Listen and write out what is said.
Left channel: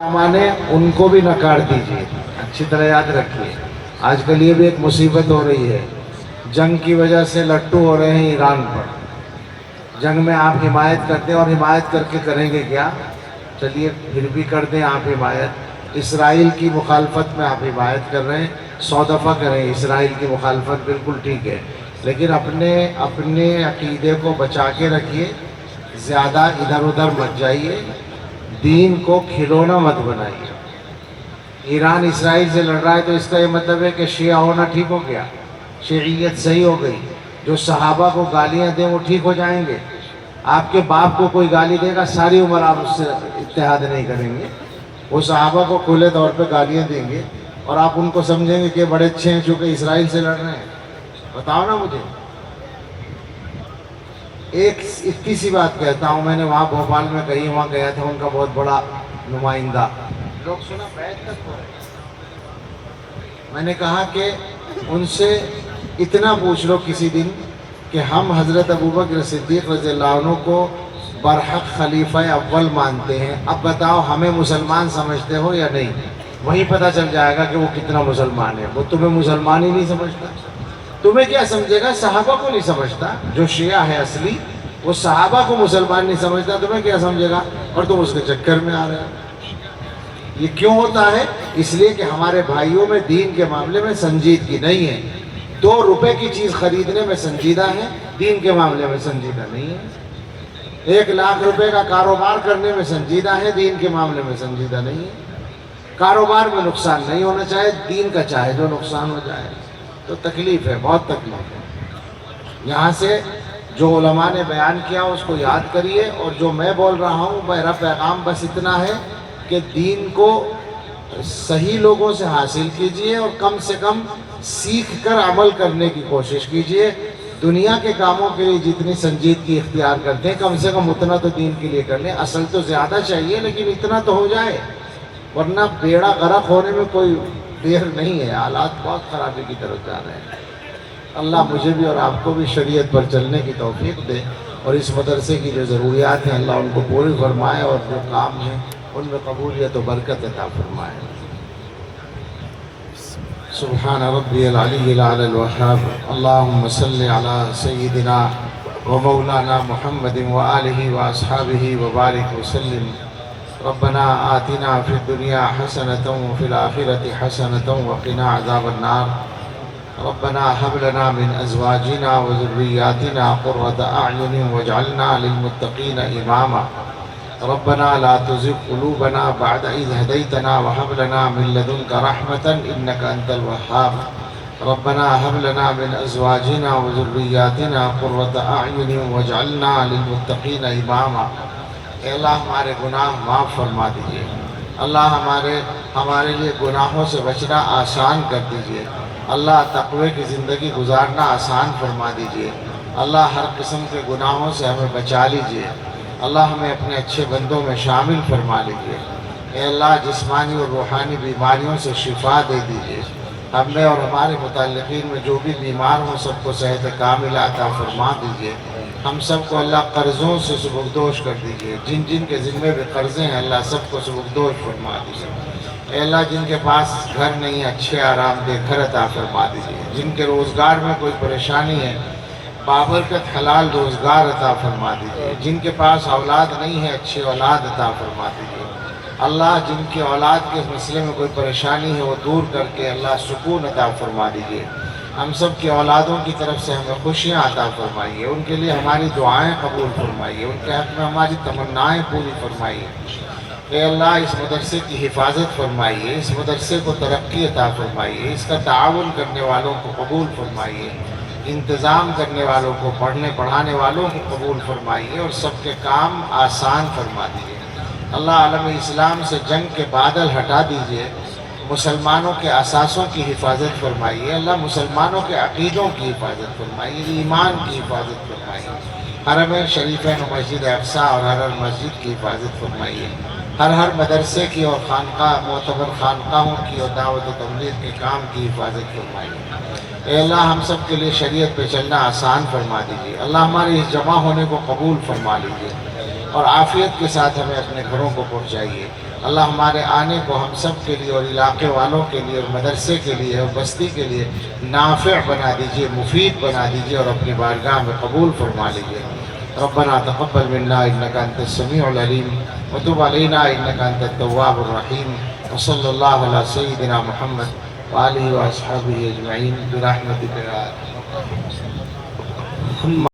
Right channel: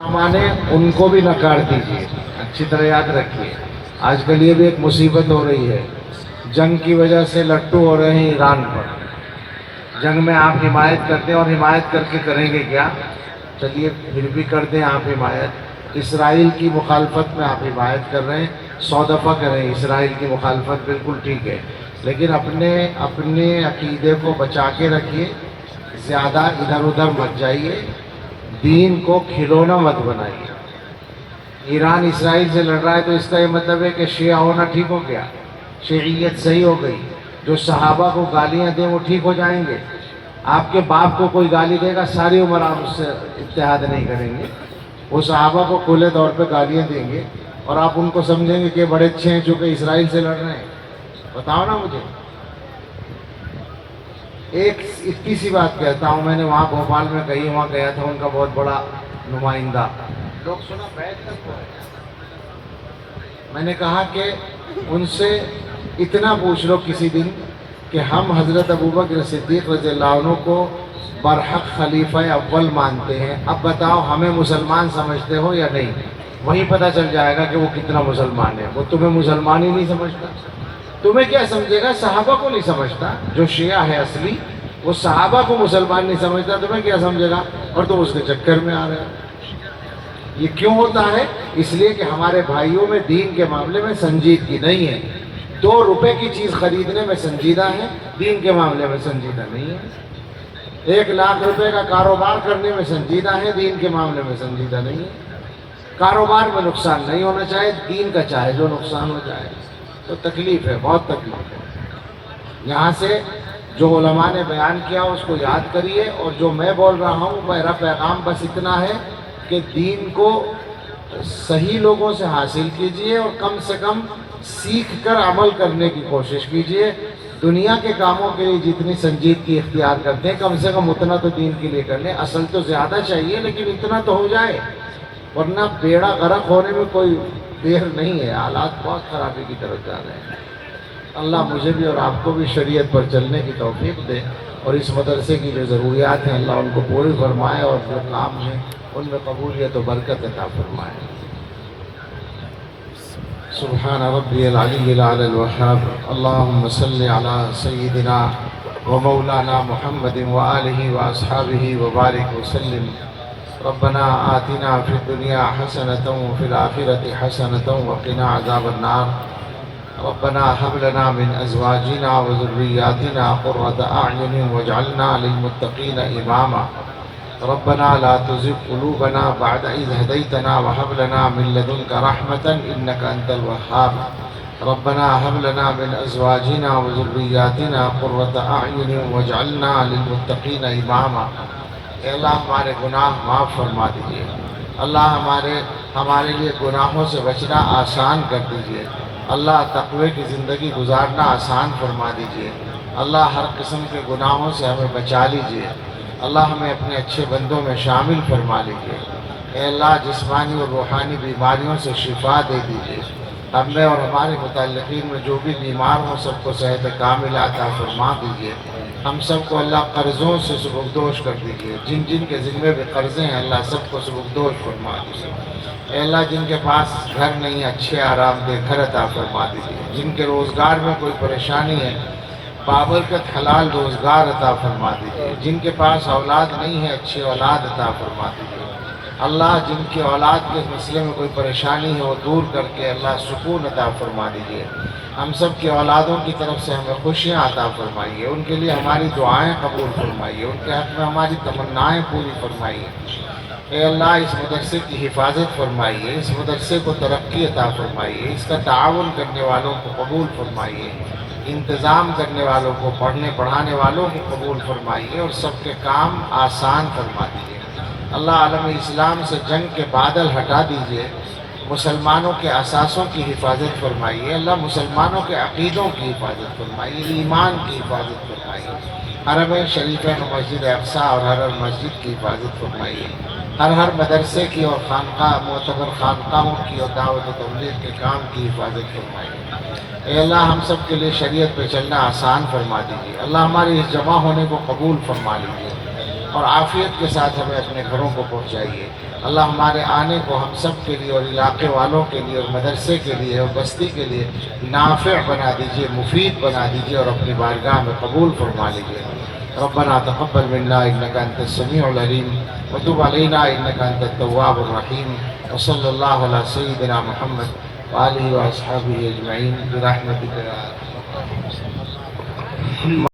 माने उनको भी नकार दीजिए, अच्छी तरह याद रखिए। आजकल ये भी एक मुसीबत हो रही है, जंग की वजह से लट्टू हो रहे हैं ईरान पर। जंग में आप हिमायत करते हैं और हिमायत करके करेंगे क्या? चलिए फिर भी कर दें आप हिमायत। इसराइल की मुखालफत में आप हिमायत कर रहे हैं, 100 दफ़ा करें इसराइल की मुखालफत, बिल्कुल ठीक है, लेकिन अपने अपने अकीदे को बचा के रखिए, ज़्यादा इधर उधर मत जाइए, दीन को खिलौना मत बनाइए। ईरान इसराइल से लड़ रहा है तो इसका ये मतलब है कि शिया होना ठीक हो गया, शियत सही हो गई। जो सहाबा को गालियां दें वो ठीक हो जाएंगे। आपके बाप को कोई गाली देगा, सारी उम्र आप उससे इत्तेहाद नहीं करेंगे। वो सहाबा को खुले तौर पे गालियां देंगे और आप उनको समझेंगे कि बड़े अच्छे हैं चूँकि इसराइल से लड़ रहे हैं। बताओ ना मुझे। एक इतनी सी बात कहता हूँ, मैंने वहाँ भोपाल में कही, वहाँ गया था उनका बहुत बड़ा नुमाइंदा, लोग सुना बैठ तक हुआ। मैंने कहा कि उनसे इतना पूछ लो किसी दिन कि हम हज़रत अबू बकर सिद्दीक़ रज़ियल्लाहु अन्हु को बरहक खलीफा अव्वल मानते हैं, अब बताओ हमें मुसलमान समझते हो या नहीं? वहीं पता चल जाएगा कि वो कितना मुसलमान है। वो तुम्हें मुसलमान ही नहीं समझता, तुम्हें क्या समझेगा? सहाबा को नहीं समझता। जो शिया है असली, वो सहाबा को मुसलमान नहीं समझता, तुम्हें क्या समझेगा? और तुम उसके चक्कर में आ रहे हो। ये क्यों होता है? इसलिए कि हमारे भाइयों में दीन के मामले में संजीदगी नहीं है। 2 रुपए की चीज़ खरीदने में संजीदा है, दीन के मामले में संजीदा नहीं है। 1 लाख रुपए का कारोबार करने में संजीदा है, दीन के मामले में संजीदा नहीं है। कारोबार में नुकसान नहीं होना चाहिए, दीन का चाहे जो नुकसान हो जाए। तो तकलीफ है, बहुत तकलीफ है। यहाँ से जो उलमा ने बयान किया उसको याद करिए, और जो मैं बोल रहा हूँ मेरा पैगाम बस इतना है कि दीन को सही लोगों से हासिल कीजिए और कम से कम सीख कर अमल करने की कोशिश कीजिए। दुनिया के कामों के लिए जितनी संजीदगी इख्तियार करते हैं, कम से कम उतना तो दीन के लिए कर लें। असल तो ज़्यादा चाहिए, लेकिन इतना तो हो जाए, वरना बेड़ा गर्क होने में कोई देर नहीं है। हालात बहुत ख़राबी की तरफ जा रहे हैं। अल्लाह मुझे भी और आपको भी शरीयत पर चलने की तौफीक दे, और इस मदरसे की जो ज़रूरियात हैं अल्लाह उनको पूरी फरमाए, और जो काम है उनमें कबूलियत और बरकत अता फरमाए। सुब्हान रब्बियल अलीय्यिल अल वहाब। अल्लाहुम्मा सल्लि अला सय्यिदिना व मौलाना मुहम्मदिन व आलिहि व अस्हाबिहि व बारिक वसल्लिम। रब्बना आतिना फिद दुनिया हसनतन व फिल आखिरति हसनतन व क़िना अज़ाबन्नार। रब्बना हब लना मिन अज़वाजिना व ज़ुर्रिय्यातिना क़ुर्रता अअयुनिन वजअलना लिलमुत्तक़ीना इमामा। रब्बना ला तुज़िग़ क़ुलूबना बअद इज़ हदैतना व हब लना मिन लदुनका रहमतन इन्नका अंतल वह्हाब। रब्बना हब लना मिन अज़वाजिना व ज़ुर्रिय्यातिना क़ुर्रता अअयुनिन वजअलना लिलमुत्तक़ीना इमामा। अल्लाह हमारे गुनाह माफ़ फरमा दीजिए। अल्लाह हमारे लिए गुनाहों से बचना आसान कर दीजिए। अल्लाह तक़वे की ज़िंदगी गुजारना आसान फरमा दीजिए। अल्लाह हर किस्म के गुनाहों से हमें बचा लीजिए। अल्लाह हमें अपने अच्छे बंदों में शामिल फरमा लीजिए। अल्लाह जिस्मानी और रूहानी बीमारियों से शिफा दे दीजिए। हमें और हमारे मुतल्लिक़ीन में जो भी बीमार हों सबको सेहत कामिला अता फरमा दीजिए। हम सबको अल्लाह कर्ज़ों से सुबुकदोश कर दीजिए। जिन जिन के ज़िम्मे भी कर्ज़े हैं अल्लाह सबको सुबुकदोश फरमा दीजिए। अल्लाह जिनके पास घर नहीं, अच्छे आरामदेह घर अता फरमा दीजिए। जिनके रोज़गार में कोई परेशानी है, बाबरकत हलाल रोज़गार अता फरमा दीजिए। जिनके पास औलाद नहीं है, अच्छी औलाद अता फरमा दीजिए। अल्लाह जिनकी औलाद के मसले में कोई परेशानी है वो दूर करके अल्लाह सुकून अता फरमा दीजिए। हम सब की औलादों की तरफ से हमें खुशियाँ अता फरमाइए। उनके लिए हमारी दुआएं कबूल फरमाइए। उनके हक़ में हमारी तमन्नाएँ पूरी फरमाइए। अल्लाह इस मदरसे की हिफाजत फरमाइए, इस मदरसे को तरक्की अता फरमाइए, इसका ताउन करने वालों को कबूल फरमाइए, इंतज़ाम करने वालों को, पढ़ने पढ़ाने वालों को कबूल फरमाइए, और सबके काम आसान फरमा दीजिए। अल्लाह आलम इस्लाम से जंग के बादल हटा दीजिए। मुसलमानों के असासों की हिफाजत फरमाइए। अल्लाह मुसलमानों के अक़ीदों की हिफाजत फरमाइए, ईमान की हिफाजत फरमाइए। हरम शरीफ़ैन मस्जिद अक़सा और हर मस्जिद की हिफाजत फरमाइए। हर मदरसे की और खानका मोतबर खानकाहों की और दावत तबलीग के काम की हिफाजत फरमाइए। अल्लाह हम सब के लिए शरीयत पे चलना आसान फरमा दीजिए। अल्लाह हमारी इस जमा होने को कबूल फरमा लीजिए। اور عافیت کے ساتھ ہمیں اپنے گھروں کو پہنچائیے۔ اللہ ہمارے آنے کو ہم سب کے لیے اور علاقے والوں کے لیے اور مدرسے کے لیے اور بستی کے لیے نافع بنا دیجیے، مفید بنا دیجیے اور اپنی بارگاہ میں قبول فرما لیجیے۔ ربنا تقبل منا انك انت السميع العليم وتب علينا انك انت التواب الرحيم وصلى الله على سيدنا محمد وآله واصحابه اجمعين برحمتك يا